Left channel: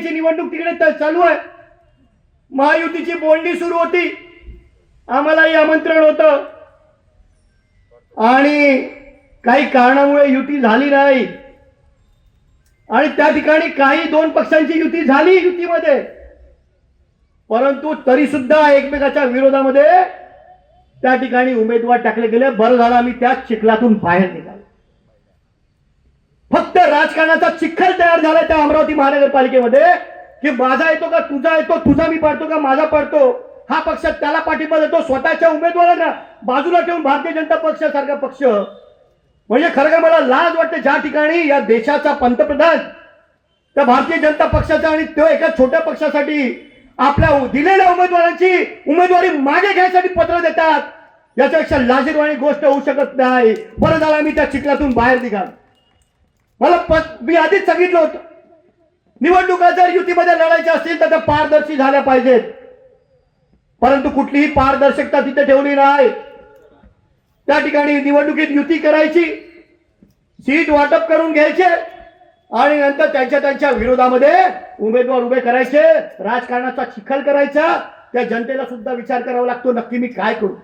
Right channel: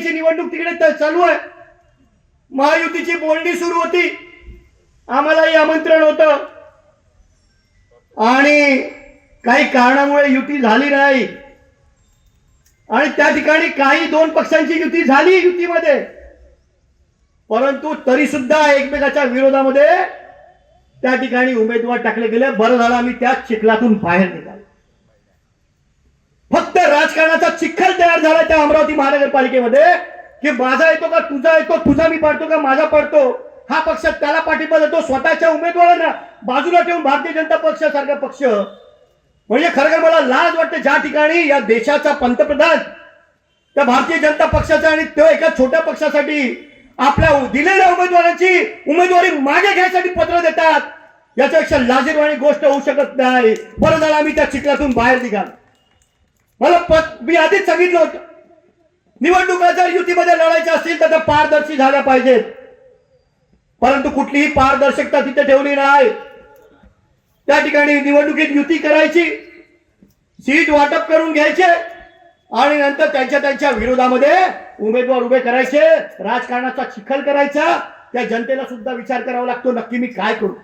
महापालिकेची निवडणूक तिकडे चालू आहे. महायुतीची बोलणी सुरू होती, आम्हालाही आमंत्रण होतं आणि काही कारणामुळे युती झाली नाही आणि त्या ठिकाणी काही दोन पक्षांची युती झाली युतीमध्ये, परंतु तरी सुद्धा एकमेकाच्या विरोधामध्ये त्या ठिकाणी उमेदवार टाकले गेले. बरं झालं आम्ही त्या चिखलातून बाहेर निघालो. फक्त राजकारणाचा चिखल तयार झाला त्या अमरावती महानगरपालिकेमध्ये की माझा येतो का तुझा येतो, तुझा मी पडतो का माझा पडतो, हा पक्ष त्याला पाठिंबा देतो, स्वतःच्या उमेदवारांना बाजूला ठेवून भारतीय जनता पक्षासारखा पक्ष. म्हणजे खरं मला लाज वाटते ज्या ठिकाणी या देशाचा पंतप्रधान त्या भारतीय जनता पक्षाचा आणि तो एका छोट्या पक्षासाठी आपल्या दिलेल्या उमेदवारांची उमेदवारी मागे घ्यायसाठी पत्र देतात. याच्यापेक्षा लाजिरवाणी गोष्ट होऊ शकत नाही. बरं झालं आम्ही त्या चिखलातून बाहेर निघा. मी आधीच सांगितलं होतं, निवडणुका जर युतीमध्ये लढायच्या असतील तर त्या पारदर्शी झाल्या पाहिजेत, परंतु कुठलीही पारदर्शकता तिथे ठेवली नाही. त्या ठिकाणी निवडणुकीत युती करायची, सीट वाटप करून घ्यायचे आणि नंतर त्यांच्या विरोधामध्ये उमेदवार उभे करायचे, राजकारणाचा चिखल करायचा. त्या जनतेला सुद्धा विचार करावा लागतो नक्की मी काय करू.